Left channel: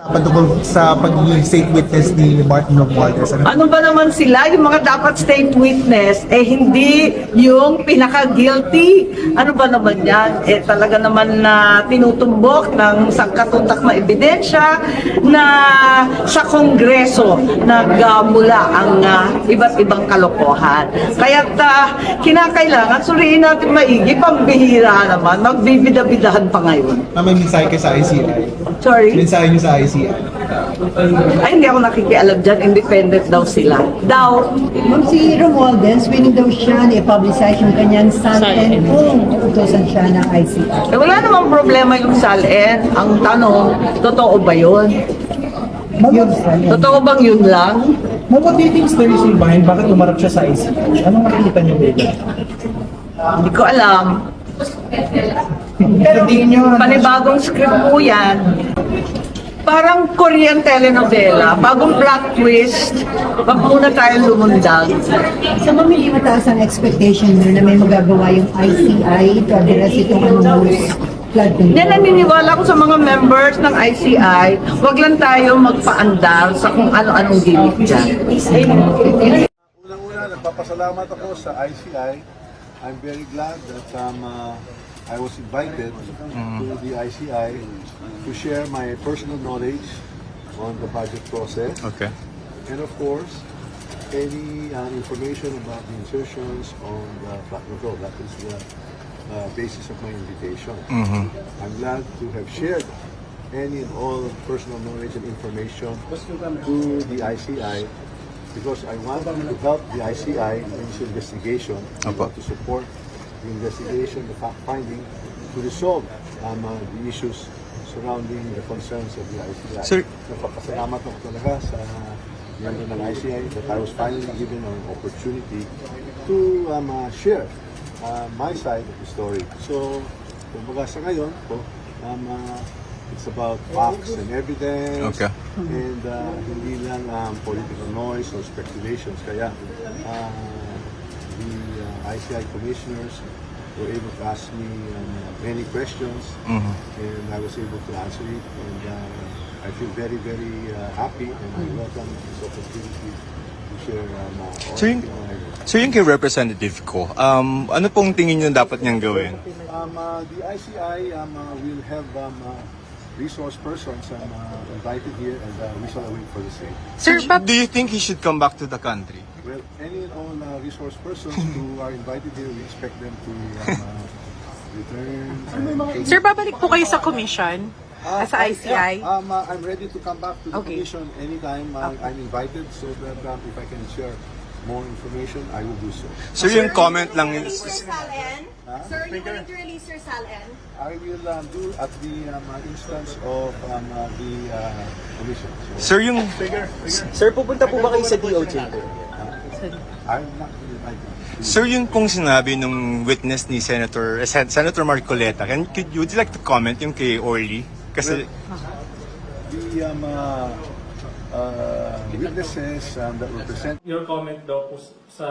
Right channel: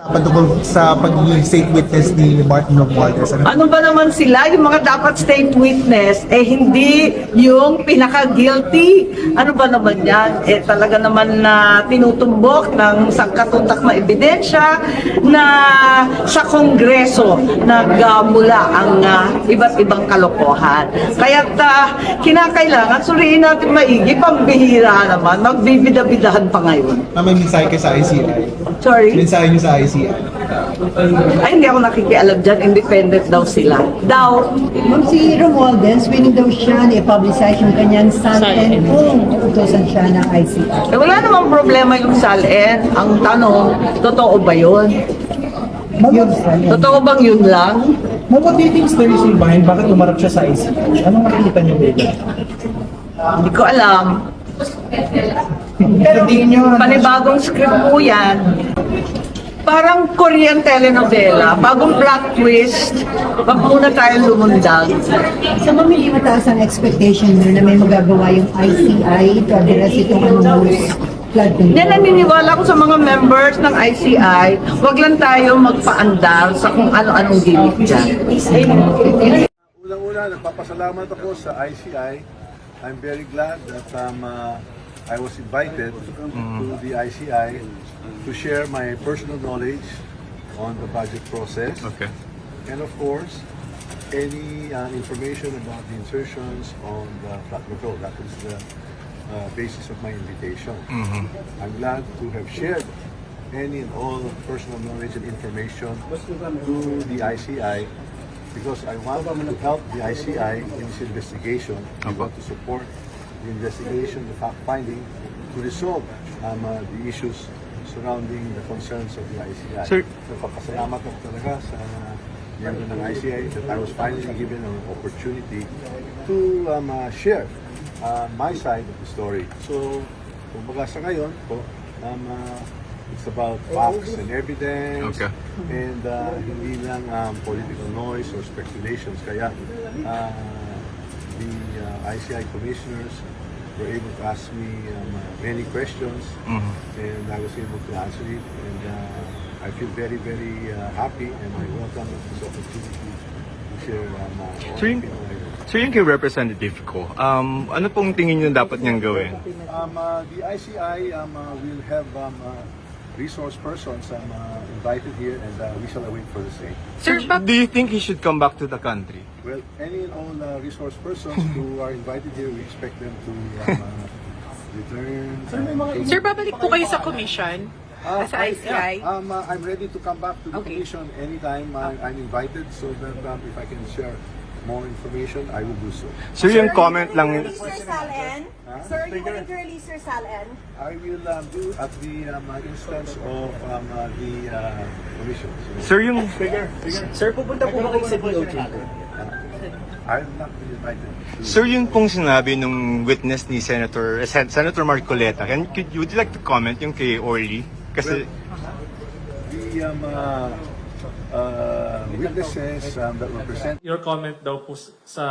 Patungkol sa pagiging state witness ni Martin Romualdez. Ano? Ano ba naman sila, yung mga dapat state witness, eh hindi yung pinaka-guilty. Ano ba naman yan? Eh talaga naman na tinutumbok ng sangkatutak na ebidensya na sa Kongreso nagmula ang ah, iba't ibang kalokohan. Kaya kinakailangan suriin natin maigi, pambihira naman, magbibida-bidahan pa ngayon. Na may mensahe kayo sa ICI. Sorry? Mensahe niyo sa ICI. Ay, hindi ako nakikialam dyan. Independent daw sila. Daw, Ma'am, si Romualdez, willing daw siya i-publicize yung kanyang salten kung utusan siya ng ICI. Eh, wala namang problema yung salin. Ang tanong, totoo ba yun? Yun. Totoo bang yun lang? Ma'am, what do you think is the reason behind bakit umarap siya sa ICI? Anong nakikita niyo ba? Hindi ko alam. Pero di niyo Panibagong script po yan. Parang Korean telenovela. Bagong plot twist. Wag muna tayo lumundag. Sa ma'am, hindi mataas ang expectation nyo na may magagawa yung ICI to address itong anong flood Hindi control. naniniwala ko sa mga members ng ICI, wag lang tayo magpaandar sa kung ano-anong gimmick dyan. Unang-una, nagpapasalamat ako sa ICI. I'm very glad that um, uh, I was invited to the ICI to share my personal knowledge on the budget process. Okay. And of course, any uh, information about the insertions on the control. That is the uh, basis of my invitation. I'm glad to have shared any and all personal knowledge and information to the ICI because I want to help the ICI in its investigation. I want to support the investigation, the fact finding, to resolve um, uh, the issues surrounding the concerns of the ICI. Sir- So, papasalamat ako talaga sa member ng ICI that I was finally given an opportunity to um, uh, share uh, my side of the story. So, kumbaga sa ngayon po, um, uh, it's about facts and evidence Okay. and uh, hindi lang um, political noise or speculations. Kaya uh, the uh, ICI commissioners were able to ask me um, many questions. And I was able to answer it. And uh, I feel very very uh, happy. And I welcome this opportunity to share um, uh, all So yun- the- So yun kay representative ko, um, ano pong tingin nyo dapat niyang gawin? Um, uh, the ICI um, uh, will have um, uh, resource persons um, uh, invited here and uh, we shall await for the same. So, do you think he should come back to the country? Well, any and all uh, resource persons who are invited here, we expect them to um, uh, return. uh, Sir, babalik po kayo sa commission Ah, sa I- ICI? yeah, um, uh, I'm ready to come back to the Okay. commission anytime uh, I'm invited so that um, if I can share more information, I will do so. So yung comment lang, Sir, you going to release your SALN? I will um, do at the um, uh, instance of um, uh, the uh, commission. So, sir yung, Sir, pupunta po ba kayo sa DOJ po? I'm not invited. to- sir yung pong sinabi nung witness ni Senator, eh, Sen- Senator Marcoleta, can, could, would you like to comment yung kay Orly? Kasi, the um, uh, uh, witnesses um, that were present Your comment daw po sa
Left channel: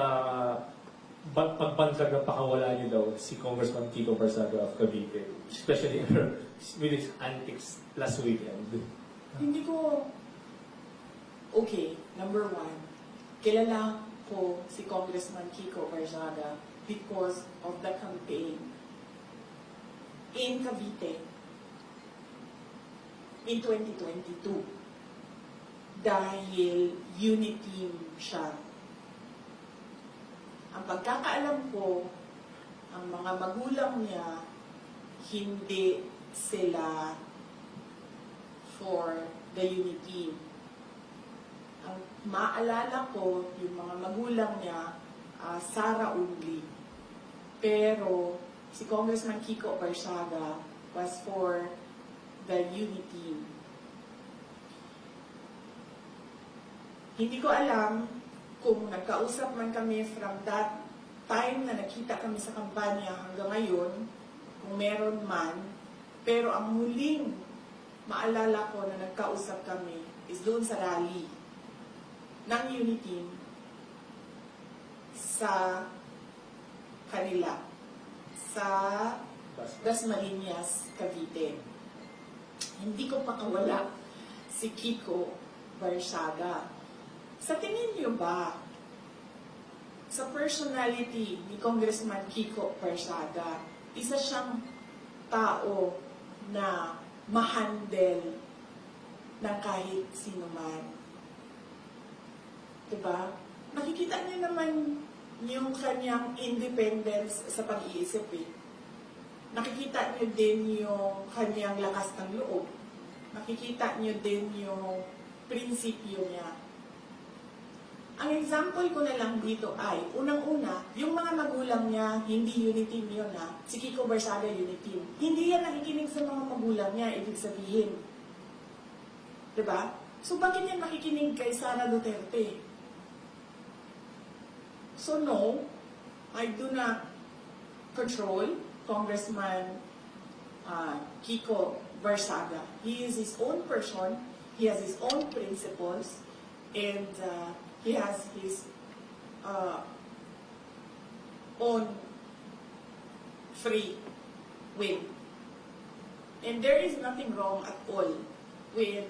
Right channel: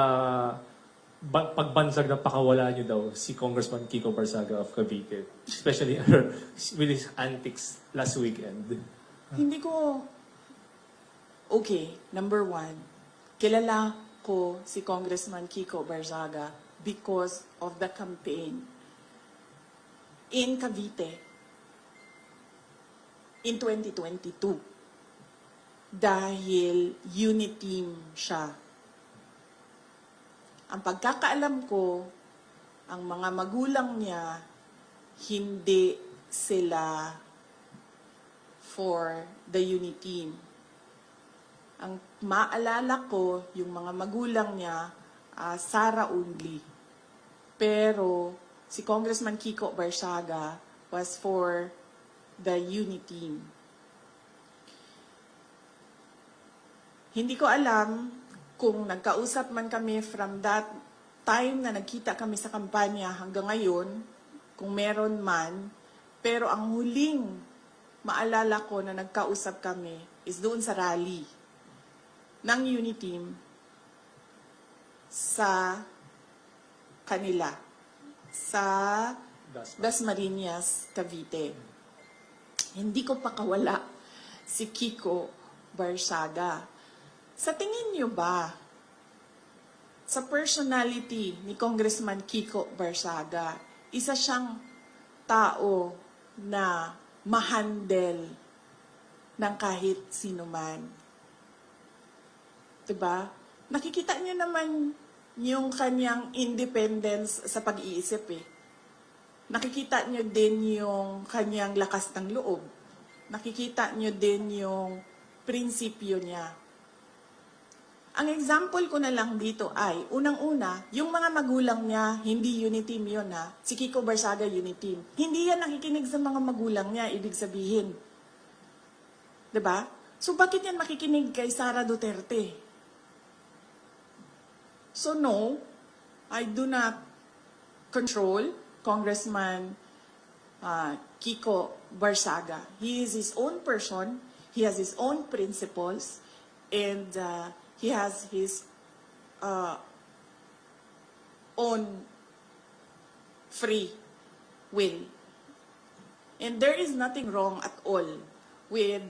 ba- pagbansag ng pakawala niyo daw si Congressman Kiko Barsaga of Cavite, especially with his antics last weekend. Hindi ko... Okay, number one, kilala ko si Congressman Kiko Barzaga because of the campaign in Cavite in 2022 dahil unity siya. Ang pagkakaalam ko, ang mga magulang niya, hindi sila for the unity. Ang maalala ko, yung mga magulang niya, ah, Sara only. Pero si Congressman Kiko Barsaga was for the unity. Hindi ko alam kung nagkausap man kami from that time na nagkita kami sa kampanya hanggang ngayon, kung meron man, pero ang huling maalala ko na nagkausap kami is doon sa rally ng Uniteam sa kanila sa Dasmariñas, Cavite. Hindi ko pakawala si Kiko Barsaga. Sa tingin niyo ba, sa personality ni Congressman Kiko Barsaga, isa siyang tao na mahandle ng kahit sino man. Diba? Nakikita niyo naman yung kanyang independence sa pag-iisip eh. Nakikita niyo din yung kanyang lakas ng loob. Nakikita niyo din yung prinsipyo niya. Ang example ko na lang dito ay, unang-una, yung mga magulang niya, hindi unity yun ha. Si Kiko Barsaga unity. Hindi yan nakikinig sa mga magulang niya, ibig sabihin. ba? So bakit yan makikinig kay Sara Duterte? So no, I do not control Congressman uh, Kiko Barsaga. He is his own person. He has his own principles, and uh, he has his uh, own free will. And there is nothing wrong at all with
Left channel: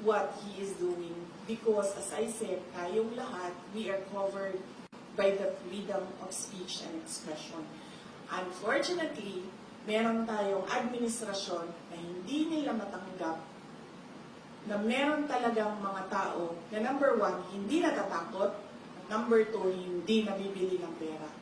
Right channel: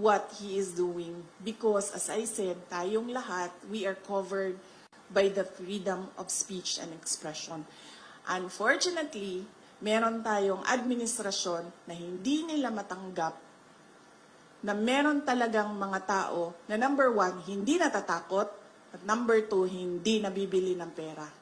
what he is doing because as I said, tayong lahat, we are covered by the freedom of speech and expression. Unfortunately, meron tayong administrasyon na hindi nila matanggap na meron talagang mga tao na number one, hindi natatakot at number two, hindi nabibili ng pera.